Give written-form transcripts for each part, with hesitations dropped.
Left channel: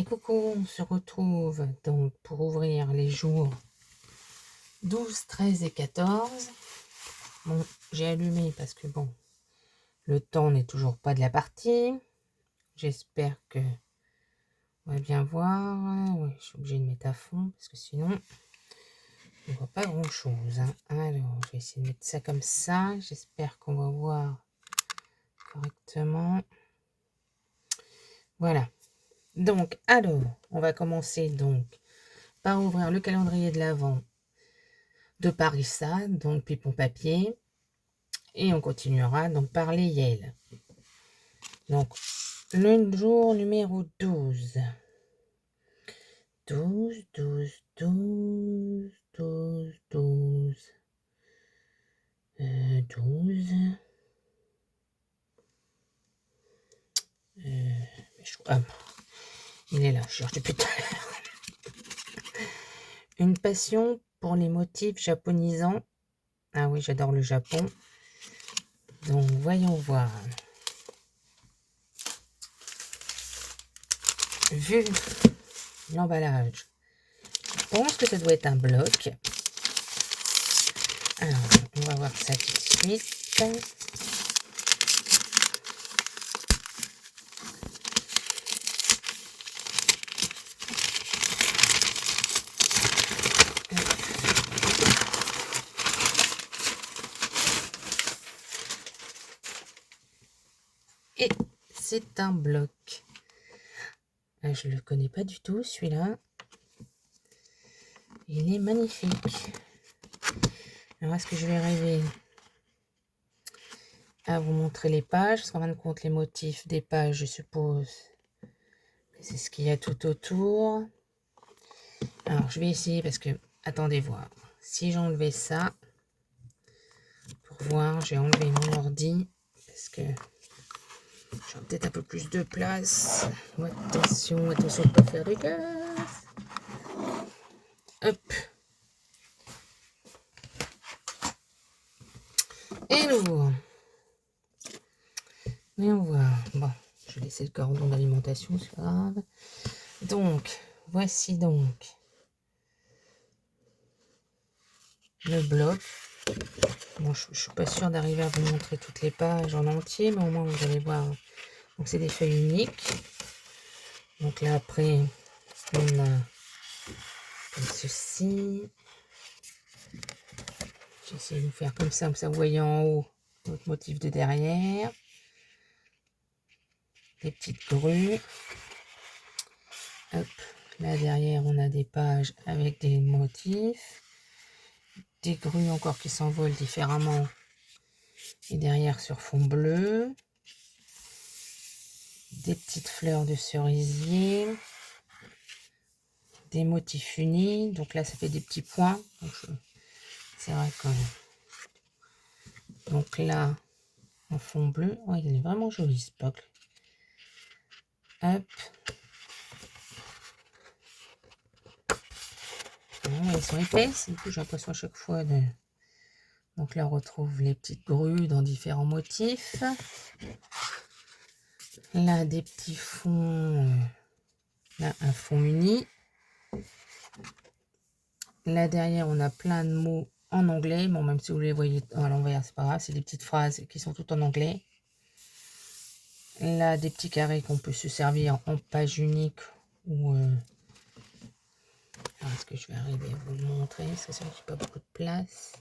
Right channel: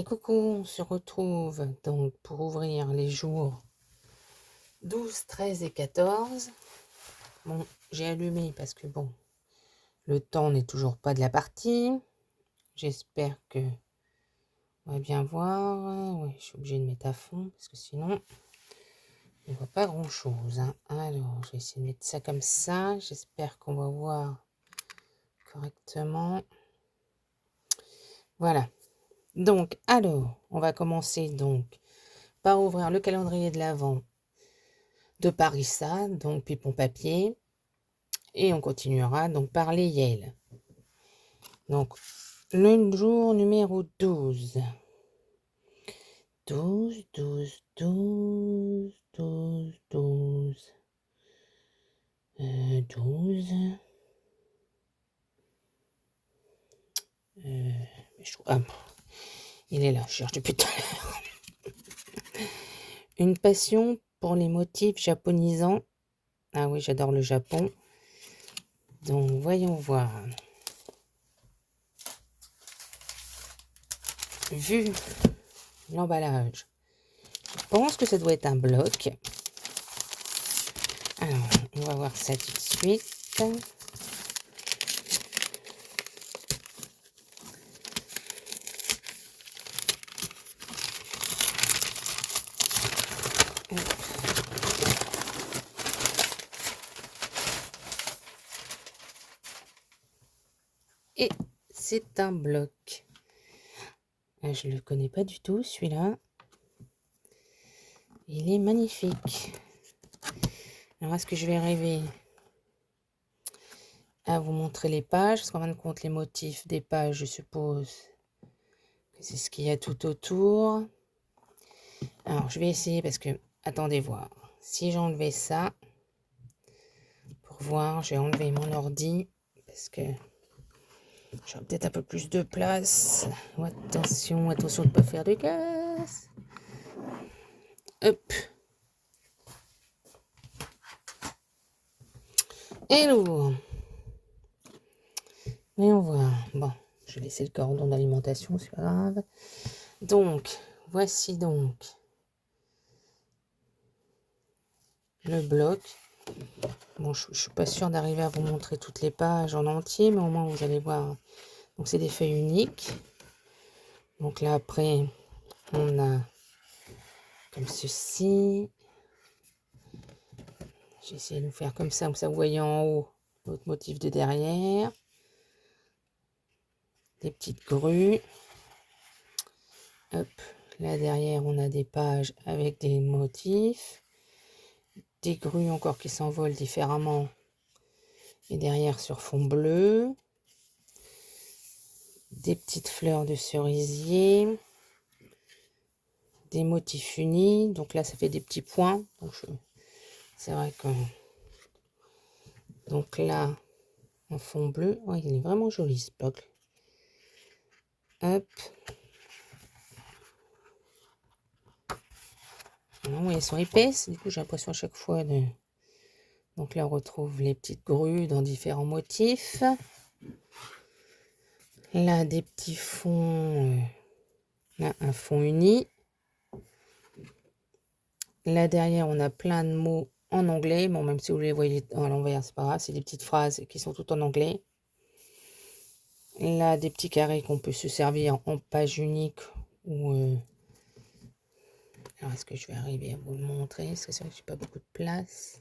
Et coucou, on se retrouve donc pour ouvrir les jours 12, 13 et 14. Bon, j'ai allumé parce que bon, le temps n'est toujours pas de la partie. J'espère que on va bien voir. Oui, je suis obligée de mettre à fond parce que sinon, on voit pas grand chose. Alors, je vais essayer de mettre ça comme ça. J'espère qu'on va voir correctement. Voilà. Donc, alors, on va commencer donc par ouvrir le calendrier de l'Avent de Parissa, donc Pipon Papier. Et on continuera donc par les Yale. Donc, le jour numéro 12. 12, 12, 12, 12, 12. 12. Il est là, je cherche depuis tout à l'heure. Une passion pour les motifs japonisants. Ah oui, j'adore le Japon. Donc, voyons voir. Vu l'emballage, je pense que ça doit être un bloc. Alors, on va voir ça tout de suite. Et c'est un bloc. Je ne le connais pas du tout, celui-là. Il est magnifique. Alors, est-ce que je vais arriver à vous montrer les pages? Parce qu'en fin de compte, les motifs des pages, je suppose que c'est ce qu'il y a tout autour. Alors, je vais essayer parce que... Attendez voir. Si j'enlevais ça, pour voir, j'ai enlevé mon ordi parce que j'aurai peut-être un peu plus de place. Oh, attention, attention de ne pas faire de casse. Hop. Et nous. Voyons voir. Bon, je vais laisser le cordon d'alimentation, c'est pas grave. Donc, voici donc le bloc. Bon, je ne suis pas sûre d'arriver à vous montrer toutes les pages en entier, mais au moins vous allez voir. Donc, c'est des feuilles uniques. Donc là, après, on a comme ceci. J'ai essayé de vous faire comme ça vous voyez en haut notre motif de derrière. Des petites grues. Hop, là derrière, on a des pages avec des motifs. Des grues encore qui s'envolent différemment. Et derrière sur fond bleu. Des petites fleurs de cerisier. Des motifs unis. Donc là, ça fait des petits points. C'est vrai que... Donc là, en fond bleu. Oh, il est vraiment joli ce bloc. Hop. Ah oui, elles sont épaisses. Du coup, j'ai l'impression à chaque fois de... Donc là, on retrouve les petites grues dans différents motifs. Là, des petits fonds. Là, un fond uni. Là, derrière, on a plein de mots en anglais. Bon, même si vous les voyez à l'envers, c'est pas grave. C'est des petites phrases qui sont toutes en anglais. Là, des petits carrés qu'on peut se servir en page unique ou... Alors, est-ce que je vais arriver à vous le montrer? C'est ça, j'ai pas beaucoup de place.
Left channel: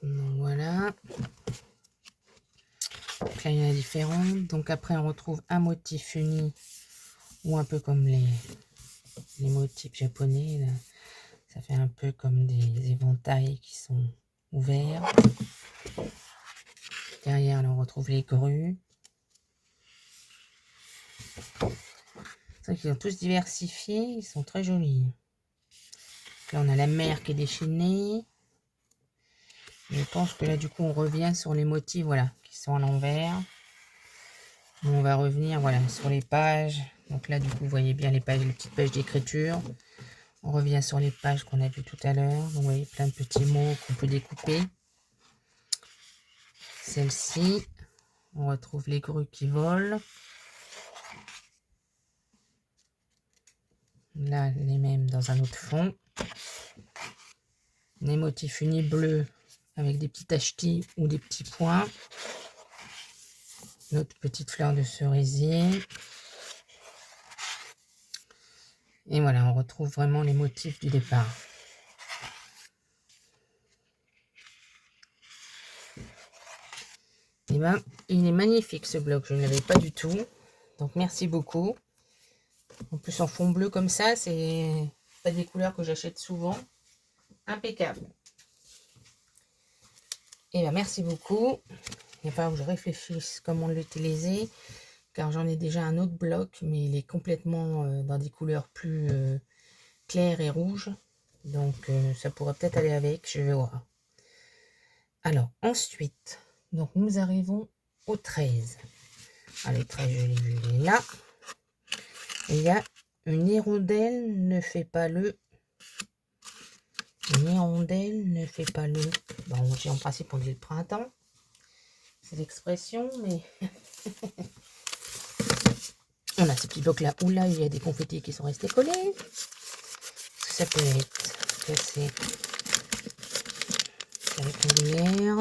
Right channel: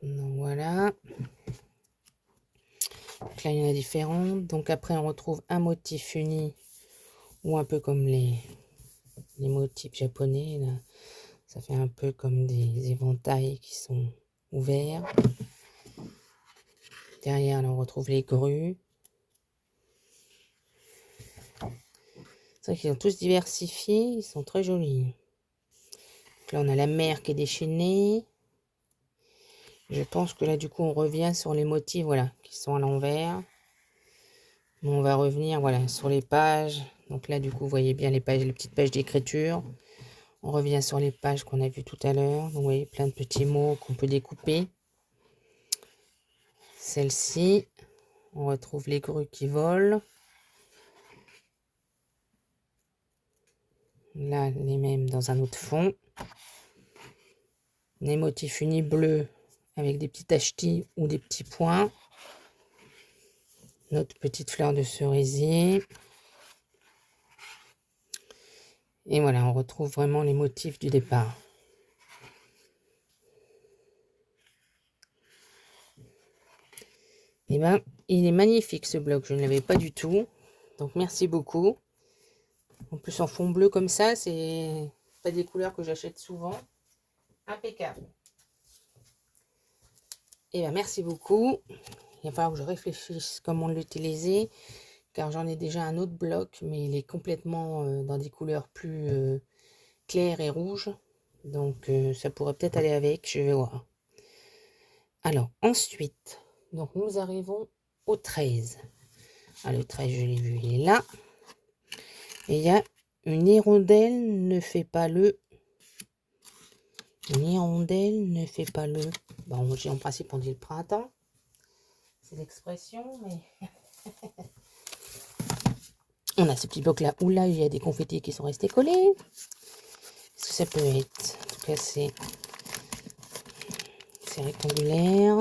Donc, voilà. Donc là, il y en a différentes. Donc après, on retrouve un motif uni ou un peu comme les motifs japonais. Là. Ça fait un peu comme des éventails qui sont ouverts. Derrière, là, on retrouve les grues. C'est vrai qu'ils sont tous diversifiés. Ils sont très jolis. Donc là, on a la mer qui est déchaînée. Je pense que là, du coup, on revient sur les motifs, voilà, qui sont à l'envers. On va revenir, voilà, sur les pages. Donc là, du coup, vous voyez bien les pages, les petites pages d'écriture. On revient sur les pages qu'on a vues tout à l'heure. Vous voyez plein de petits mots qu'on peut découper. Celle-ci, on retrouve les grues qui volent. Là, les mêmes dans un autre fond. Des motifs unis bleus avec des petits tachetis ou des petits points. Notre petite fleur de cerisier. Et voilà, on retrouve vraiment les motifs du départ. Et ben, il est magnifique ce bloc, je ne l'avais pas du tout. Donc merci beaucoup. En plus en fond bleu comme ça, c'est pas des couleurs que j'achète souvent. Impeccable. Et ben merci beaucoup. Il va falloir que je réfléchisse comment l'utiliser, car j'en ai déjà un autre bloc, mais il est complètement dans des couleurs plus claires et rouges. Donc ça pourrait peut-être aller avec, je vais voir. Alors ensuite, donc nous arrivons au 13. Alors, le 13, je l'ai vu, il est là. Et il y a une hirondelle ne fait pas le. Une hirondelle ne fait pas le. Bon, en principe, on dit le printemps. C'est l'expression, mais. On a ce petit bloc là où là, il y a des confettis qui sont restés collés. Ça peut être. En tout cas, c'est rectangulaire.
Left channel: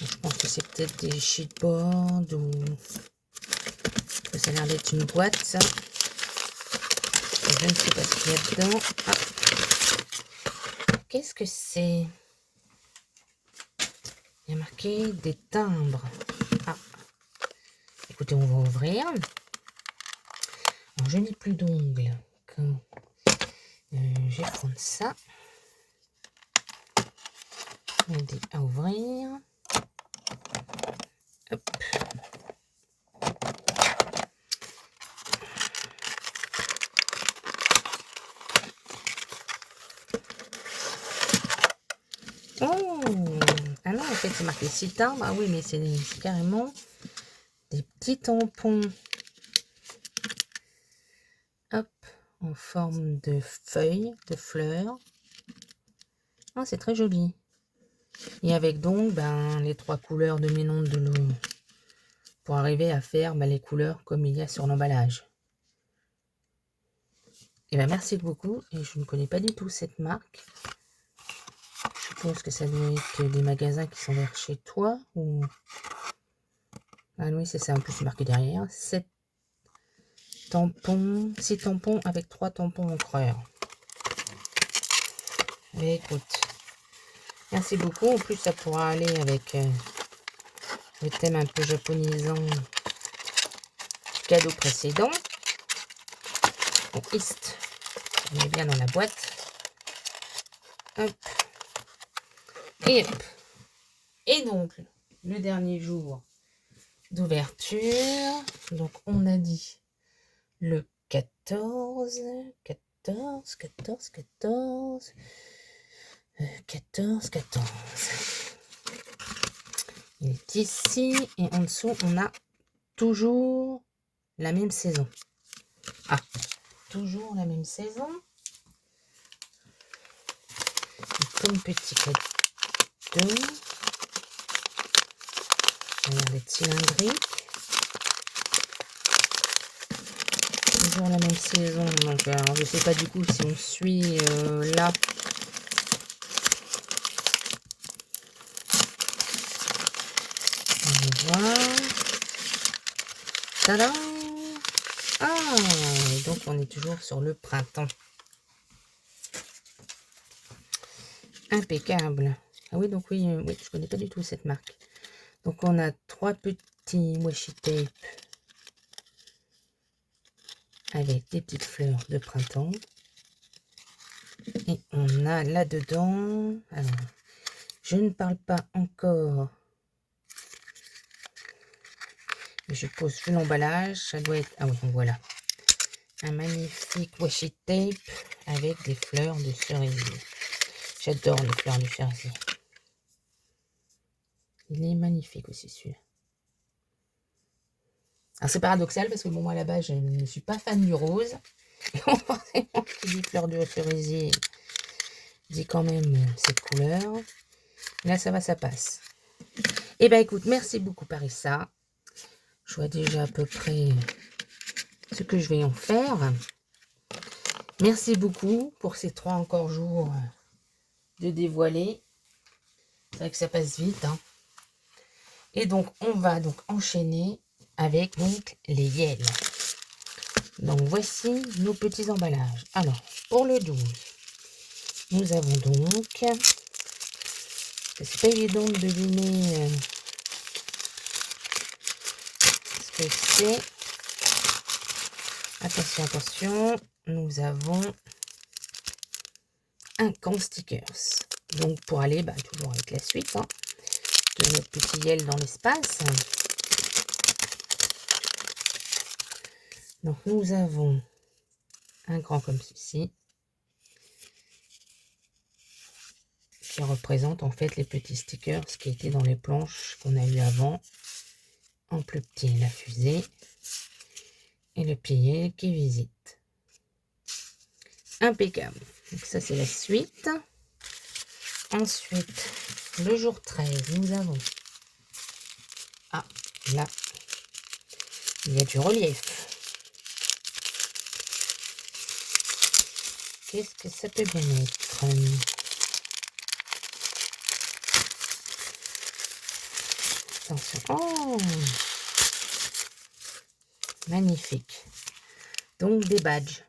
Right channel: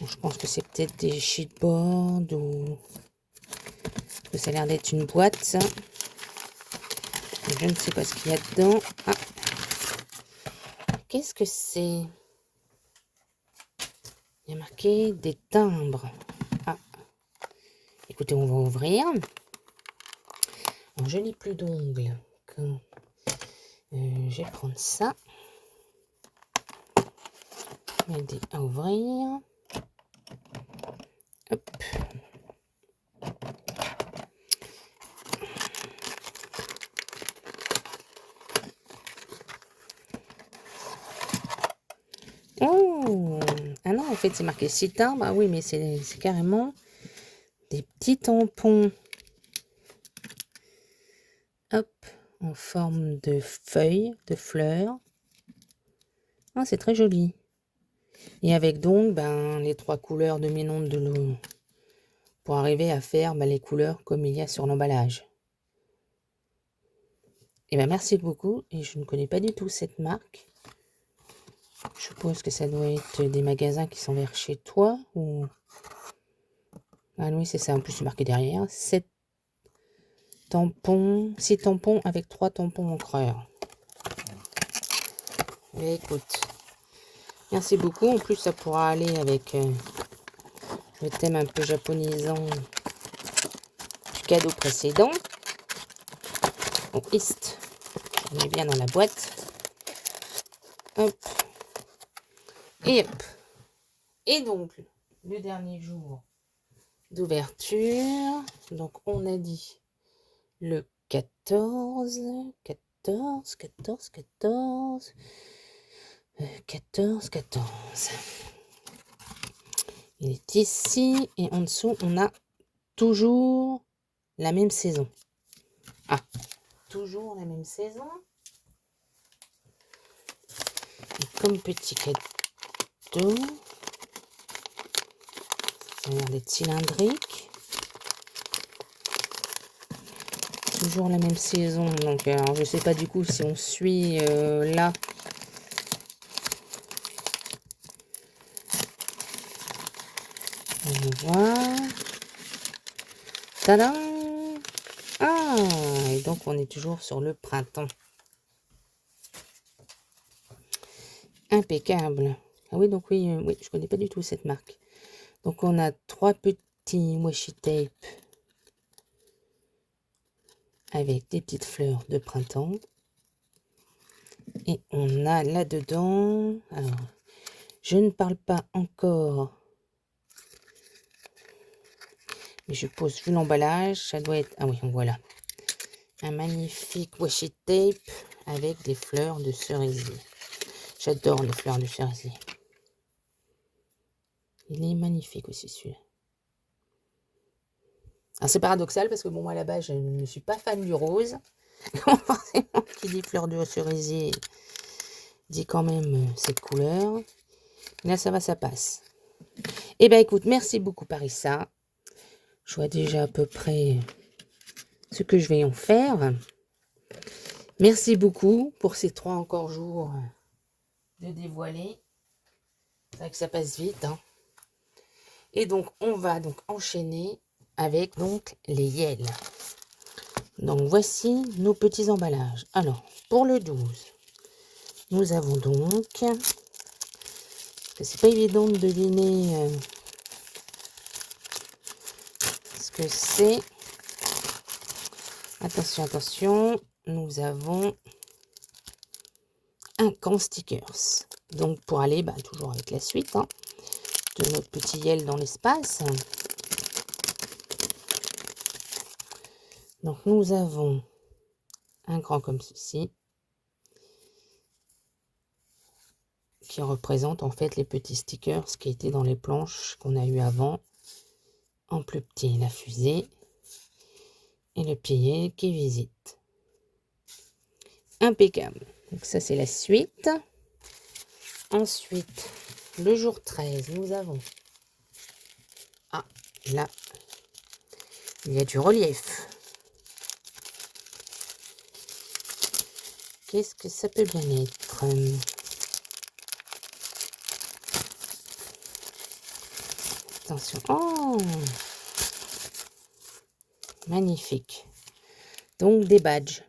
Je pense que c'est peut-être des sheetboards ou. Parce que ça a l'air d'être une boîte, ça. Je ne sais pas ce qu'il y a dedans. Ah. Qu'est-ce que c'est? Il y a marqué des timbres. Ah. Écoutez, on va ouvrir. Alors, je n'ai plus d'ongles. Je vais prendre ça. Aider à ouvrir. Hop. Oh! Ah non, en fait, c'est marqué 6 timbres. Ah oui, mais c'est carrément des petits tampons. Hop, en forme de feuilles, de fleurs. Ah, c'est très joli. Et avec donc les 3 couleurs dominantes de l'eau pour arriver à faire les couleurs comme il y a sur l'emballage. Et merci beaucoup. Et je ne connais pas du tout cette marque. Je suppose que ça doit être des magasins qui sont vers chez toi. Ou... Ah oui, c'est ça. En plus, c'est marqué derrière. 7 tampons. 6 tampons avec 3 tampons encreurs. Et écoute. Merci beaucoup. En plus, ça pourra aller avec le thème un peu japonisant du cadeau précédent. Bon, East. On est bien dans la boîte. Hop. Et hop. Et donc, le dernier jour d'ouverture. Donc, on a dit le 14. 14. Il est ici. Et en dessous, on a toujours la même saison. Ah, toujours la même saison. Et comme petit cadeau. Ça a l'air d'être cylindrique. Toujours la même saison. Donc, alors, je ne sais pas du coup si on suit là. On va voir. Tadam! Ah! Et donc, on est toujours sur le printemps. Impeccable. Ah oui, donc oui, oui, je connais pas du tout cette marque. Donc, on a 3 petits washi tape avec des petites fleurs de printemps. Et on a là-dedans... Alors, je ne parle pas encore... Mais je pose vu l'emballage, ça doit être... Ah oui, voilà. Un magnifique washi tape avec des fleurs de cerisier. J'adore les fleurs de cerisier. Il est magnifique aussi celui-là. Alors c'est paradoxal parce que bon, moi à la base je ne suis pas fan du rose. Forcément qui dit fleurs de cerisier dit quand même cette couleur. Là ça va, ça passe. Et ben écoute, merci beaucoup Parissa. Je vois déjà à peu près ce que je vais en faire. Merci beaucoup pour ces 3 encore jours de dévoiler. C'est vrai que ça passe vite, hein. Et donc, on va donc enchaîner avec donc les Yel. Donc, voici nos petits emballages. Alors, pour le 12, nous avons donc... C'est pas évident de deviner ce que c'est. Attention, attention. Nous avons un camp stickers. Donc, pour aller toujours avec la suite de notre petit Yel dans l'espace. Donc, nous avons un grand comme ceci, qui représente en fait les petits stickers qui étaient dans les planches qu'on a eu avant. En plus petit, la fusée et le pied qui visite. Impeccable. Donc ça, c'est la suite. Ensuite, le jour 13, nous avons... Ah, là, il y a du relief. Qu'est-ce que ça peut bien être? Attention. Oh, magnifique. Donc, des badges.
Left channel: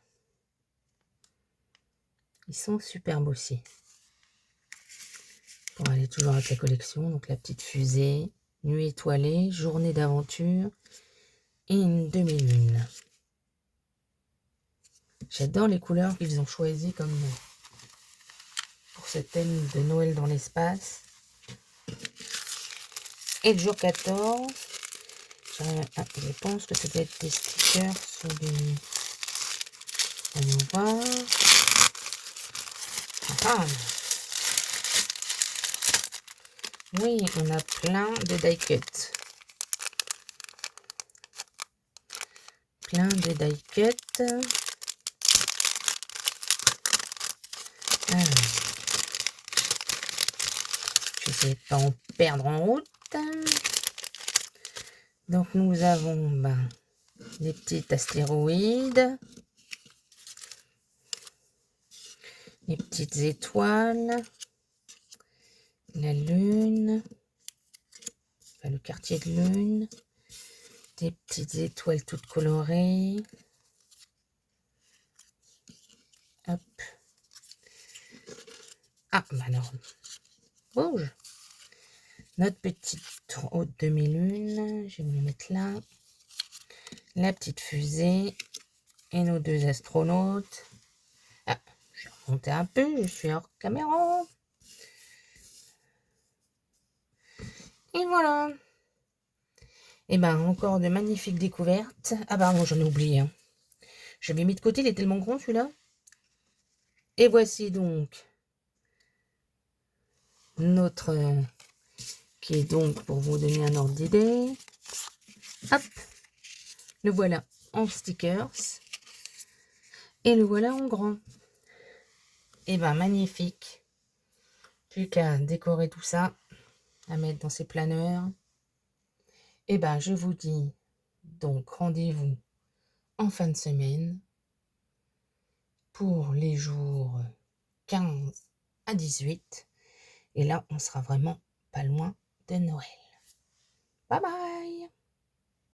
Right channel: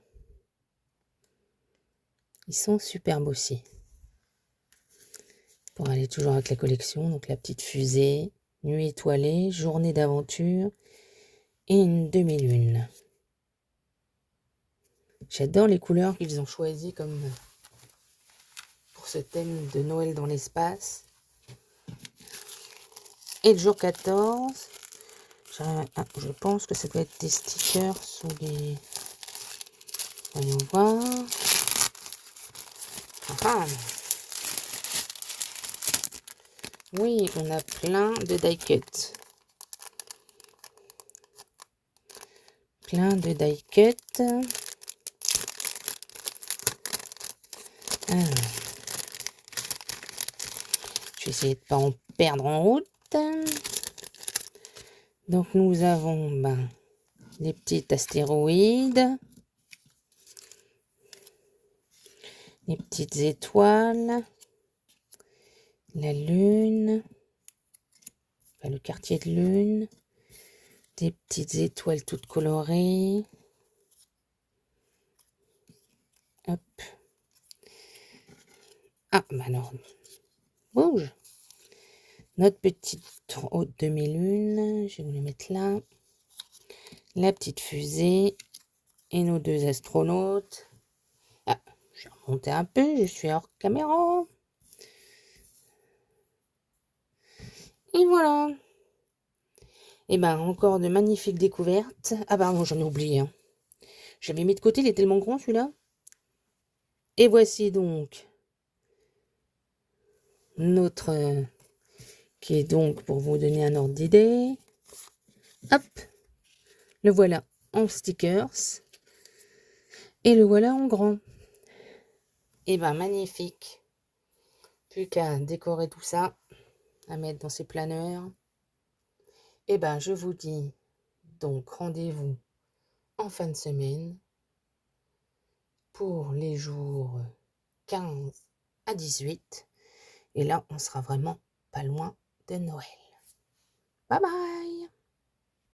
Ils sont superbes aussi. Pour aller toujours avec la collection. Donc, la petite fusée, nuit étoilée, journée d'aventure et une demi-lune. J'adore les couleurs qu'ils ont choisies comme pour ce thème de Noël dans l'espace. Et le jour 14, je pense que ça doit être des stickers sur des... Allons voir. Ah. Oui, on a plein de die cut. Plein de die cut. Alors, je vais essayer de ne pas en perdre en route. Donc nous avons les petits astéroïdes, les petites étoiles, la lune, le quartier de lune, des petites étoiles toutes colorées. Hop. Ah, non. Bouge. Notre petite haute demi-lune, je vais vous la mettre là. La petite fusée et nos 2 astronautes. Ah, je vais remonter un peu, je suis hors caméra. Et voilà. Et encore de magnifiques découvertes. Ah non, j'en ai oublié. J'avais mis de côté, il est tellement grand celui-là. Et voici donc notre... qui est donc, pour vous donner un ordre d'idée. Hop. Le voilà en stickers. Et le voilà en grand. Et magnifique. Plus qu'à décorer tout ça. À mettre dans ses planeurs. Et je vous dis donc rendez-vous en fin de semaine pour les jours 15 à 18. Et là, on sera vraiment pas loin de Noël. Bye bye!